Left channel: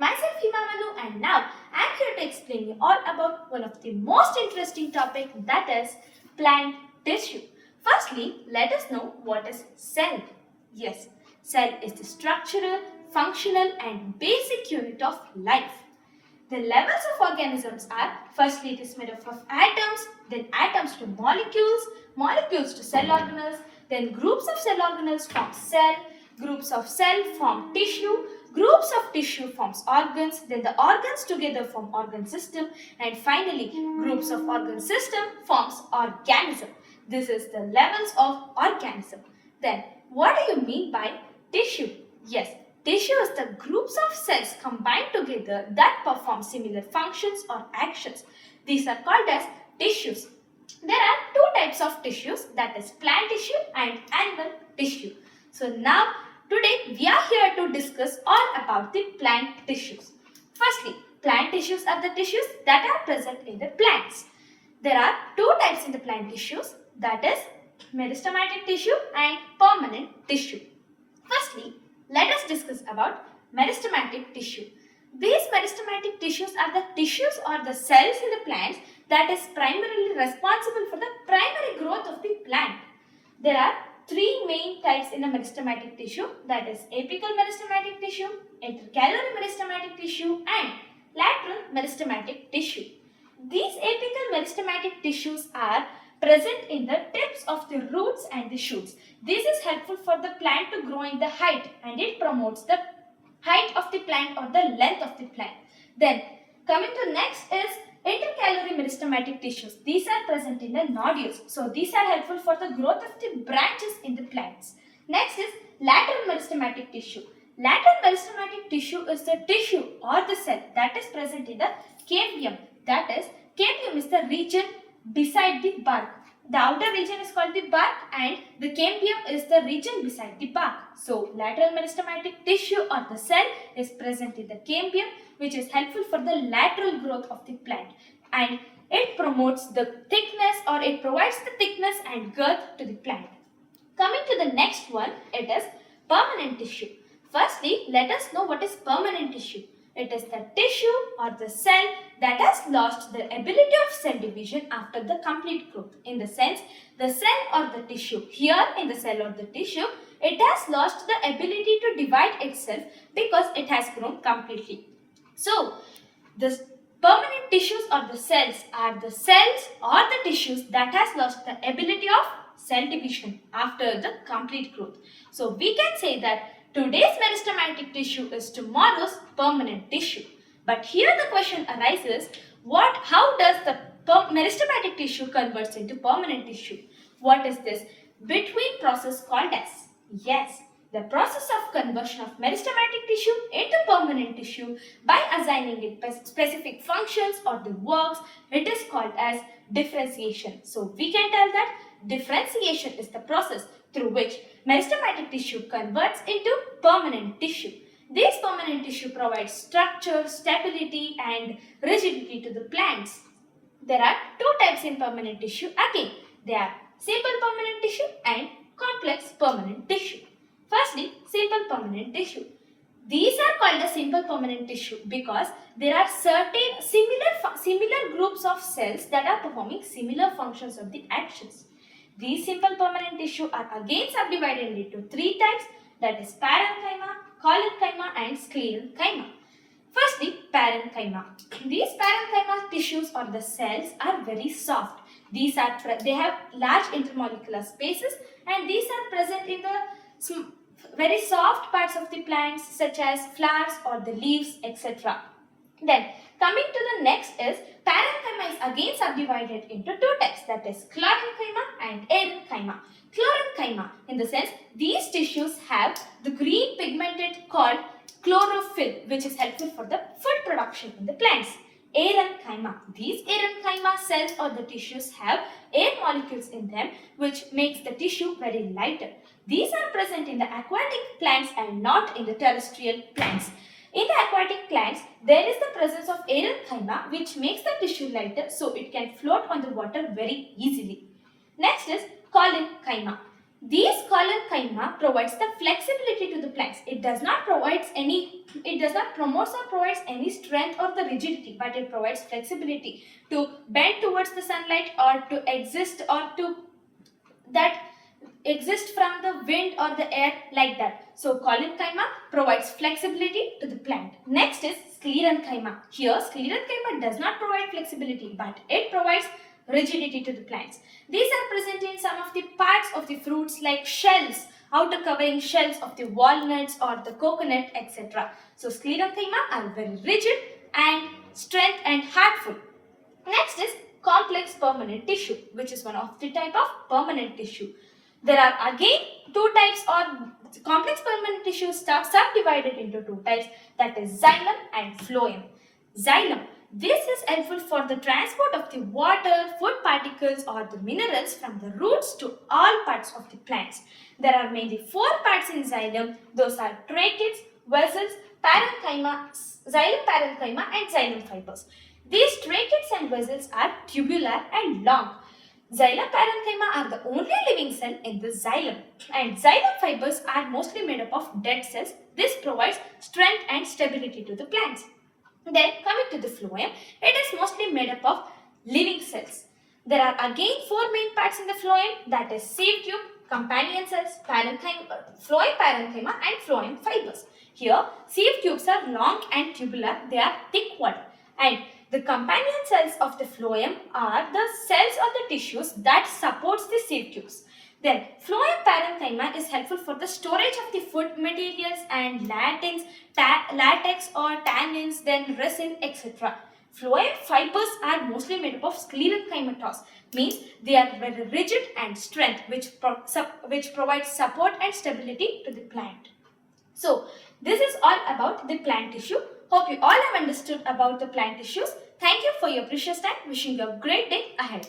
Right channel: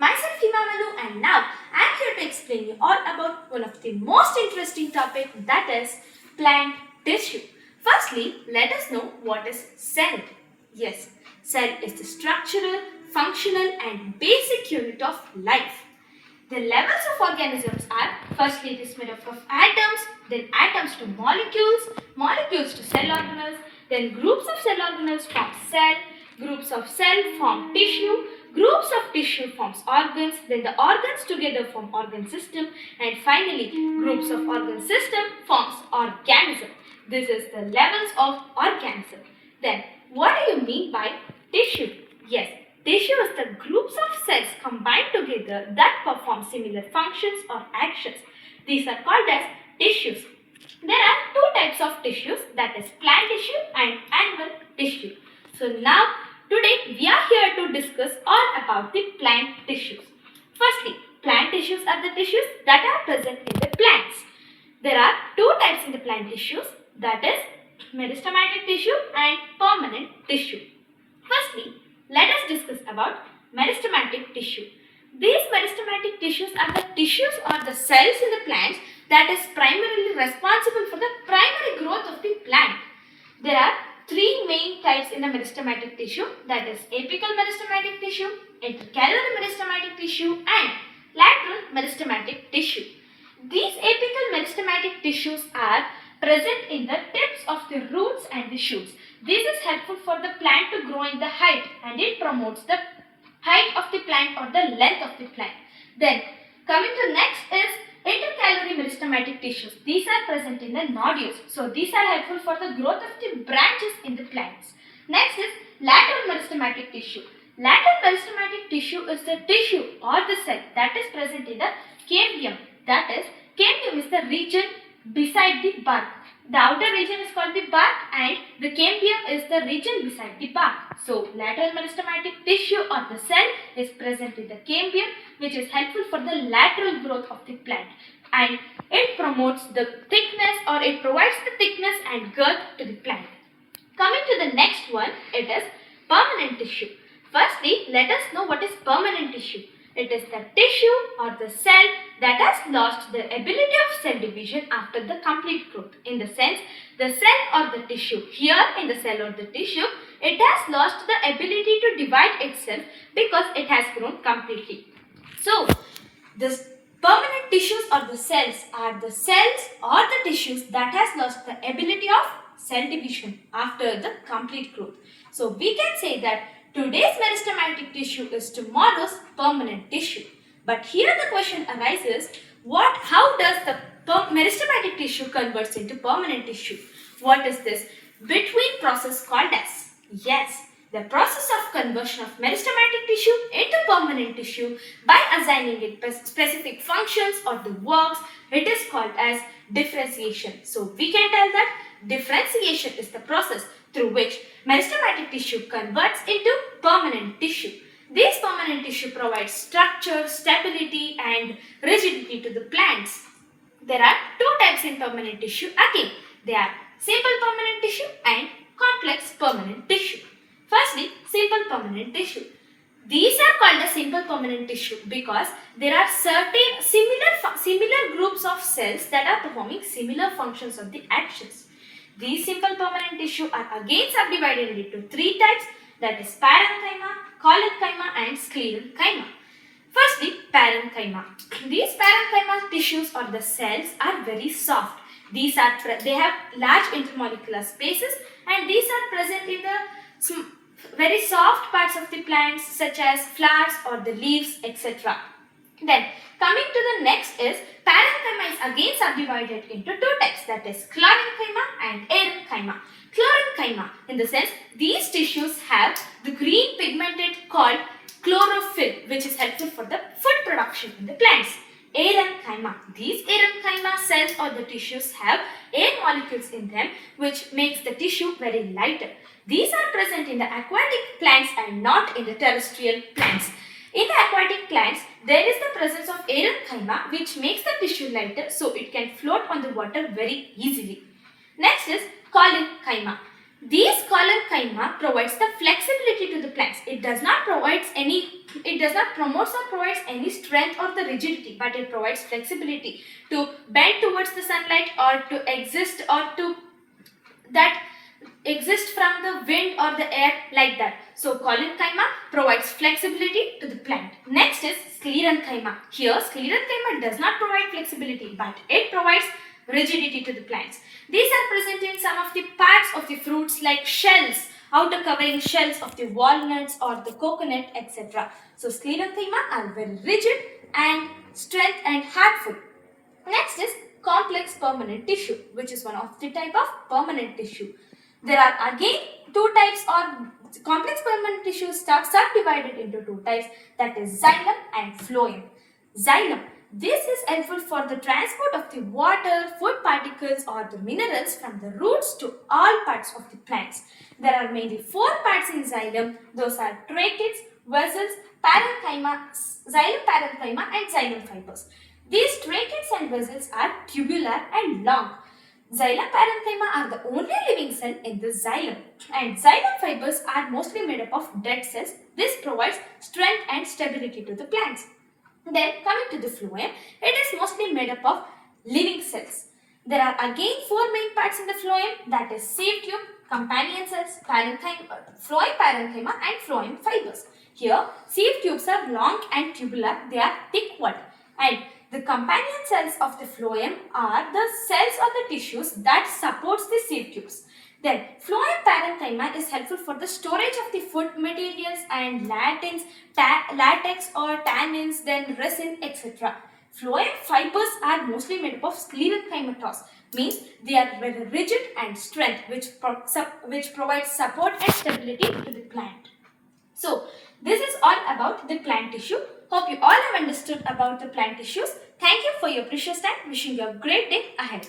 Myself Hima Manu, and now I am here to explain you all about one of the most interesting topic, that is plant tissue. Firstly, let us know what is cell. Yes, cell is the structural, functional and basic unit of life. The levels of organisms are, firstly it is made up of atoms, then atoms to molecules, molecules to cell organelles, then groups of cell organelles form cell, groups of cell form tissue, groups of tissue forms organs, then the organs together form organ system, and finally groups of organ system forms organism. This is the levels of organism. Then what do you mean by tissue? Yes, tissue is the groups of cells combined together that perform similar functions or actions. These are called as tissues. There are two types of tissues, that is plant tissue and animal tissue. So now today we are here to discuss all about the plant tissues. Firstly, plant tissues are the tissues that are present in the plants. There are two types in the plant tissues, that is meristematic tissue and permanent tissue. Firstly, let us discuss about meristematic tissue. These meristematic tissues are the tissues or the cells in the plants that is primarily responsible for the primary growth of the plant. There are three main types in the meristematic tissue, that is apical meristematic tissue, intercalary meristematic tissue and lateral meristematic tissue. These apical meristematic tissues are present in the tips of the roots and the shoots. This is helpful for the plant to grow in the height, and it promotes the height of the plant or the length of the plant. Then coming to next is intercalary meristematic tissues. These are present in the nodules. So these are helpful for the growth of the branches in the plants. Next is lateral meristematic tissue. Lateral meristematic tissue is the tissue or the cell that is present in the cambium. That is, cambium is the region beside the bark. The outer region is called the bark and the cambium is the region beside the bark. So, lateral meristematic tissue or the cell is present in the cambium, which is helpful for the lateral growth of the plant, and it promotes the thickness, or it provides the thickness and girth to the plant. Coming to the next one, it is permanent tissue. Firstly, let us know what is permanent tissue. It is the tissue or the cell that has lost the ability of cell division after the complete growth. In the sense, the cell or the tissue, here in the cell or the tissue, it has lost the ability to divide itself because it has grown completely. So, this permanent tissues or the cells are the cells or the tissues that has lost the ability of cell division after the complete growth. So, we can say that today's meristematic tissue is tomorrow's permanent tissue. But here the question arises, how does the meristematic tissue converts into permanent tissue? What is this between process called as? Yes, the process of conversion of meristematic tissue into permanent tissue by assigning it specific functions or the works, it is called as differentiation. So we can tell that differentiation is the process through which meristematic tissue converts into permanent tissue. This permanent tissue provides structure, stability and rigidity to the plants. There are two types in permanent tissue again. They are simple permanent tissue and complex permanent tissue. Firstly, simple permanent tissue. These are called the simple permanent tissue because there are certain similar groups of cells that are performing similar functions of the actions. These simple permanent tissue are again subdivided into three types, that is parenchyma, collenchyma and sclerenchyma. Firstly, parenchyma. These parenchyma tissues or the cells are very soft. They have large intermolecular spaces and these are present in the very soft parts of the plants such as flowers or the leaves, etc. Then coming to the next is parenchyma is again subdivided into two types, that is chlorenchyma and arenchyma. Chlorenchyma, in the sense these tissues have the green pigmented called chlorophyll, which is helpful for the food production in the plants. Arenchyma. These arenchyma cells or the tissues have air molecules in them, which makes the tissue very lighter. These are present in the aquatic plants and not in the terrestrial plants. In the aquatic plants, there is the presence of arenchyma which makes the tissue lighter so it can float on the water very easily. Next is collenchyma. These collenchyma provides the flexibility to the plants. It does not promote or provides any strength or the rigidity, but it provides flexibility to bend towards the sunlight or to exist that exist from the wind or the air like that. So collenchyma provides flexibility to the plant. Next is sclerenchyma. Here sclerenchyma does not provide flexibility, but it provides rigidity to the plants. These are present in some of the parts of the fruits like shells, outer covering shells of the walnuts or the coconut, etc. So sclerenchyma are very rigid and strength and hardful. Next is complex permanent tissue, which is one of the type of permanent tissue. There are again two types or complex permanent tissues subdivided into two types, that is xylem and phloem. Xylem. This is helpful for the transport of the water, food particles or the minerals from the roots to all parts of the plants. There are mainly four parts in xylem. Those are tracheids, vessels, parenchyma, xylem parenchyma and xylem fibers. These tracheids and vessels are tubular and long. Xylem parenchyma are the only living cell in the xylem, and xylem fibers are mostly made up of dead cells. This provides strength and stability to the plants. Then coming to the phloem, it is mostly made up of living cells. There are again four main parts in the phloem, that is sieve tube, companion cells, phloem parenchyma and phloem fibers. Here sieve tubes are long and tubular, they are thick walled, and the companion cells of the phloem are the cells or the tissues that supports the sieve tubes. Then phloem parenchyma is helpful for the storage of the food materials and latex or tannins, then resin, etc. Phloem fibers are mostly made up of sclerenchymatose, means they are very rigid and strength, which provides support and stability to the plant. So, this is all about the plant tissue. Hope you all have understood about the plant tissues. Thank you for your precious time. Wishing you a great day ahead.